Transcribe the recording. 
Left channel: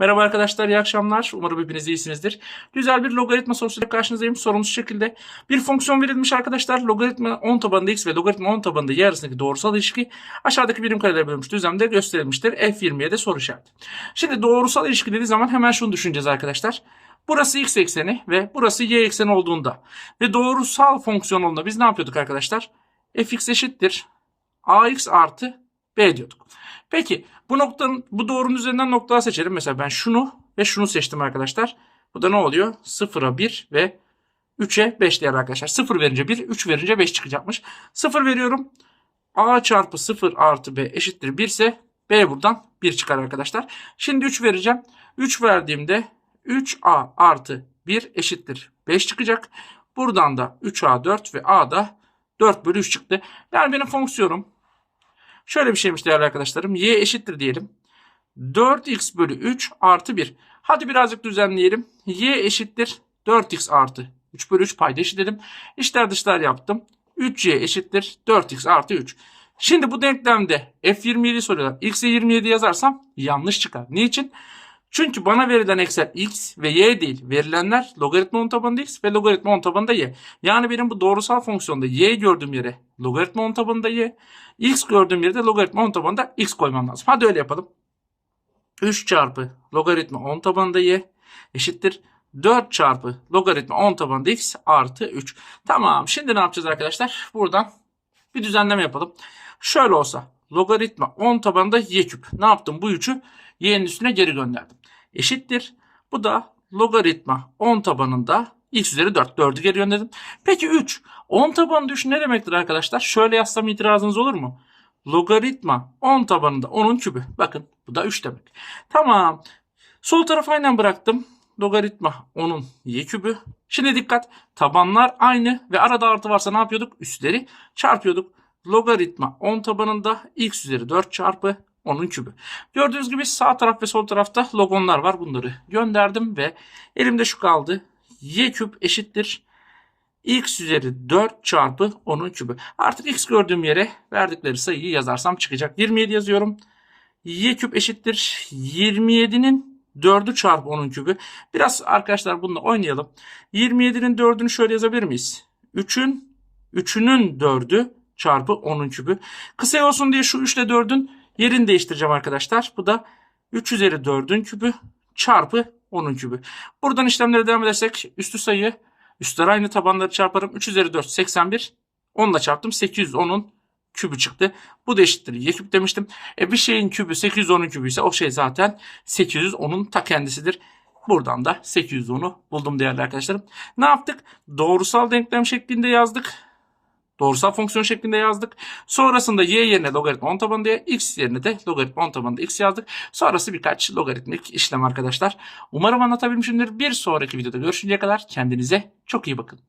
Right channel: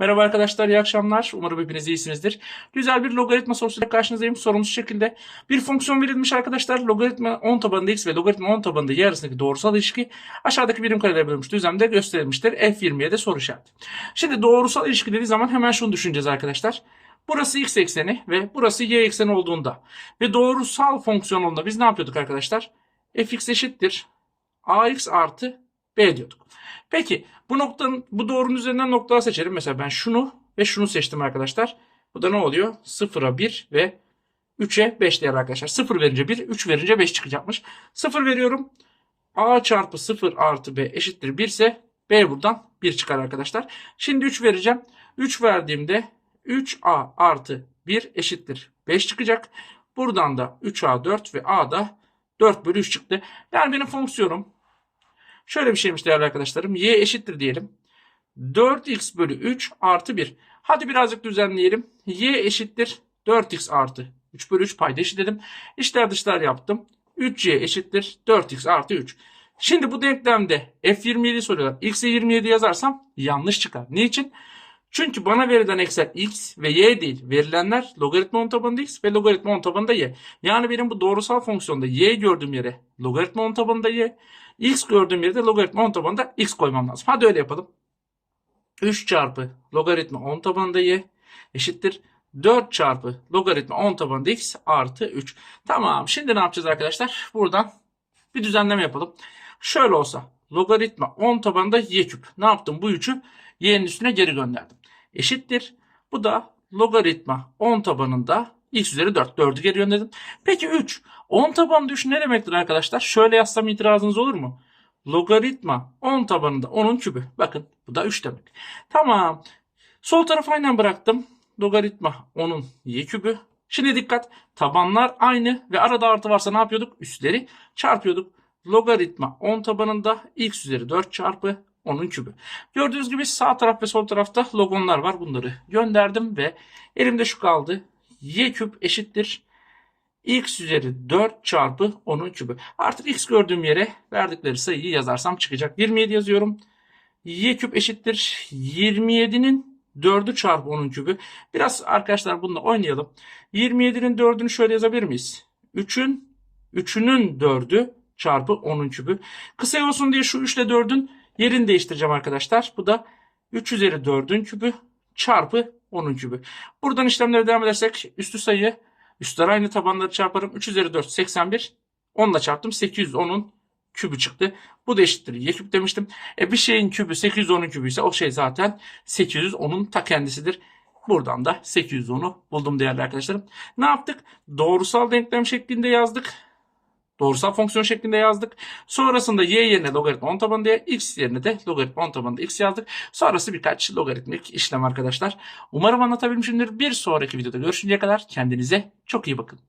Merhaba arkadaşlar, iyi akşamlar. Umarım hepiniz iyisinizdir. Güzel bir logaritma sorusuyla karşınızdayım. Sorumuz şekilde. Bir fonksiyon verilmiş arkadaşlar. Logaritma 10 tabanında x ve logaritma 10 tabanında y arasındaki doğrusal ilişki aşağıdaki birim karelere bölünmüş düzlemde gösterilmiştir. F20'ye de soru işareti. Şimdi doğrusal ilişki dediği zaman hemen şunu düşüneceğiz arkadaşlar. Burası x ekseni ve burası y ekseni olduğunda ve doğrusal fonksiyon olduğunda biz ne yapıyorduk arkadaşlar? fx eşittir ax artı b diyorduk. Peki bu noktanın bu doğrunun üzerinden noktalar seçelim. Mesela ben şunu ve şunu seçtim arkadaşlar. Bu da ne oluyor? 0'a 1 ve 3'e 5 değer arkadaşlar. 0 verince 1, 3 verince 5 çıkacakmış. 0 veriyorum. A çarpı 0 artı B eşittir 1 ise B buradan 1 çıkar arkadaşlar. Şimdi 3 vereceğim. 3 verdiğimde 3A artı 1 eşittir 5 çıkacak. Buradan da 3A 4 ve A da 4 bölü 3 çıktı. Yani benim fonksiyonum Şöyle bir şeymiş değerli arkadaşlarım. Y eşittir diyelim. 4x bölü 3 artı 1. Hadi birazcık düzenleyelim. Y eşittir 4x artı 3 bölü 3 payda eşitledim. İşler dışlar yaptım. 3y eşittir 4x artı 3. Şimdi bu denklemde f27 soruyorlar. x'e 27 yazarsam yanlış çıkar. Niçin? Çünkü bana verilen eksen x ve y değil. Verilenler logaritma 10 tabanında x ve logaritma 10 tabanında y. Yani benim bu doğrusal fonksiyonda y gördüğüm yere logaritma 10 tabanında y. X gördüğüm yerde logaritma 10 tabanında x koymam lazım. Hadi öyle yapalım. 3 çarpı logaritma 10 tabanında y eşittir. 4 çarpı logaritma 10 tabanında x artı 3. Tamam şimdi ne yapacağız arkadaşlar? Buradan bir düzenleme yapalım. Şöyle olsa logaritma 10 tabanında y küp. Ne yaptım? Bu 3'ü y'nin üstüne geri gönderdim. Eşittir. Bu da logaritma 10 tabanında x üzeri 4. 4'ü geri gönderdim. Peki 3. 10 tabanında 3 ne demektir arkadaşlar? Şöyle yazsam itirazınız olur mu? Logaritma 10 tabanında 10'un kübü. Bakın bu da 3 demek. Tamam. Sol tarafı aynen bıraktım. Logaritma 10'un y kübü. Şimdi dikkat. Tabanlar aynı ve arada artı varsa ne yapıyorduk? Üstleri çarpıyorduk. Logaritma 10 tabanında x üzeri 4 çarpı 10'un kübü. Gördüğünüz gibi sağ taraf ve sol tarafta logonlar var. Bunları gönderdim ve elimde şu kaldı. y küp eşittir x üzeri 4 çarpı 10'un kübü. Artık x gördüğüm yere verdikleri sayıyı yazarsam çıkacak. 27 yazıyorum. y küp eşittir 27'nin 4'ü çarpı 10'un kübü. Biraz arkadaşlar bununla oynayalım. 27'nin 4'ünü şöyle yazabilir miyiz? 3'ün 3'ünün 4'ü çarpı 10'un kübü. Kısa olsun diye şu 3 ile 4'ün yerini değiştireceğim arkadaşlar. Bu da 3 üzeri 4'ün kübü çarpı 10'un kübü. Buradan işlemlere devam edersek üstü sayı Üstler aynı tabanları çarparım. 3 üzeri 4 81. 10 ile çarptım. 810'un kübü çıktı. Bu da eşittir. Y küp demiştim. E bir şeyin kübü 810'un kübü ise o şey zaten 810'un ta kendisidir. Buradan da 810'u buldum değerli arkadaşlarım. Ne yaptık? Doğrusal denklem şeklinde yazdık. Doğrusal fonksiyon şeklinde yazdık. Sonrasında y yerine logaritma 10 tabanında x yerine de logaritma 10 tabanında x yazdık. Sonrası birkaç logaritmik işlem arkadaşlar. Umarım anlatabilmişimdir. Bir sonraki videoda görüşünceye kadar kendinize çok iyi bakın.